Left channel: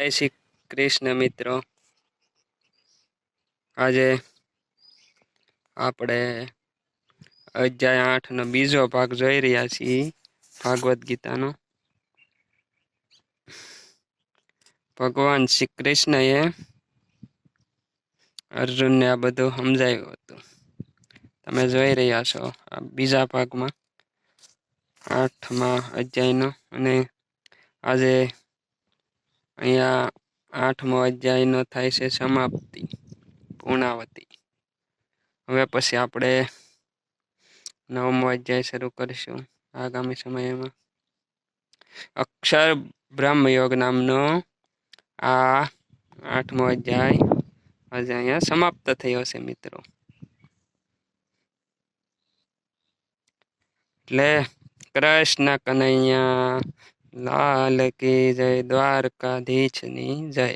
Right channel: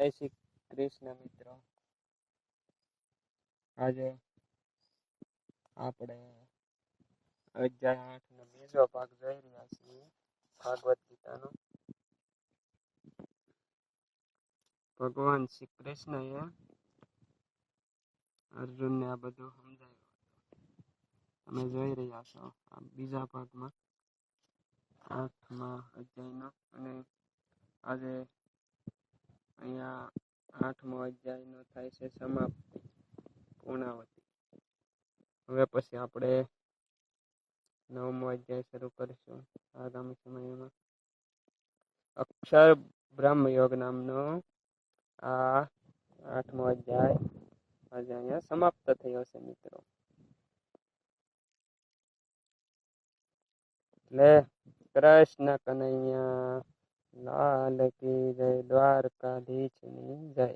જય શ્રી કૃષ્ણ મિત્રો. આજે આપણે અધ્યાય 8નો બીજો ભાગ જોઈ રહ્યા છીએ, ભાગવત ગીતાનો. ભગવાન શ્રી કૃષ્ણએ અર્જુનને આ બધું સમજાવ્યું હતું. તમે જોઈ રહ્યા છો આ બીજા ભાગમાં 8મા અધ્યાયનો. અને આજે અહીંયા 8મો અધ્યાયનો થાય છે સમાપ્તિ, પૂર્ણાવતી. હવે પછી આપણે 9મો અધ્યાય શરૂ કરીશું આગામી સમયમાં. અક્ષર બ્રહ્મયોગ નામનો આ 8મો અધ્યાય આજે અહીંયા સમાપ્ત થયો છે મિત્રો. એટલે કૃષ્ણ કનૈયા લાલ કી જય, દ્વારકાધીશની જય.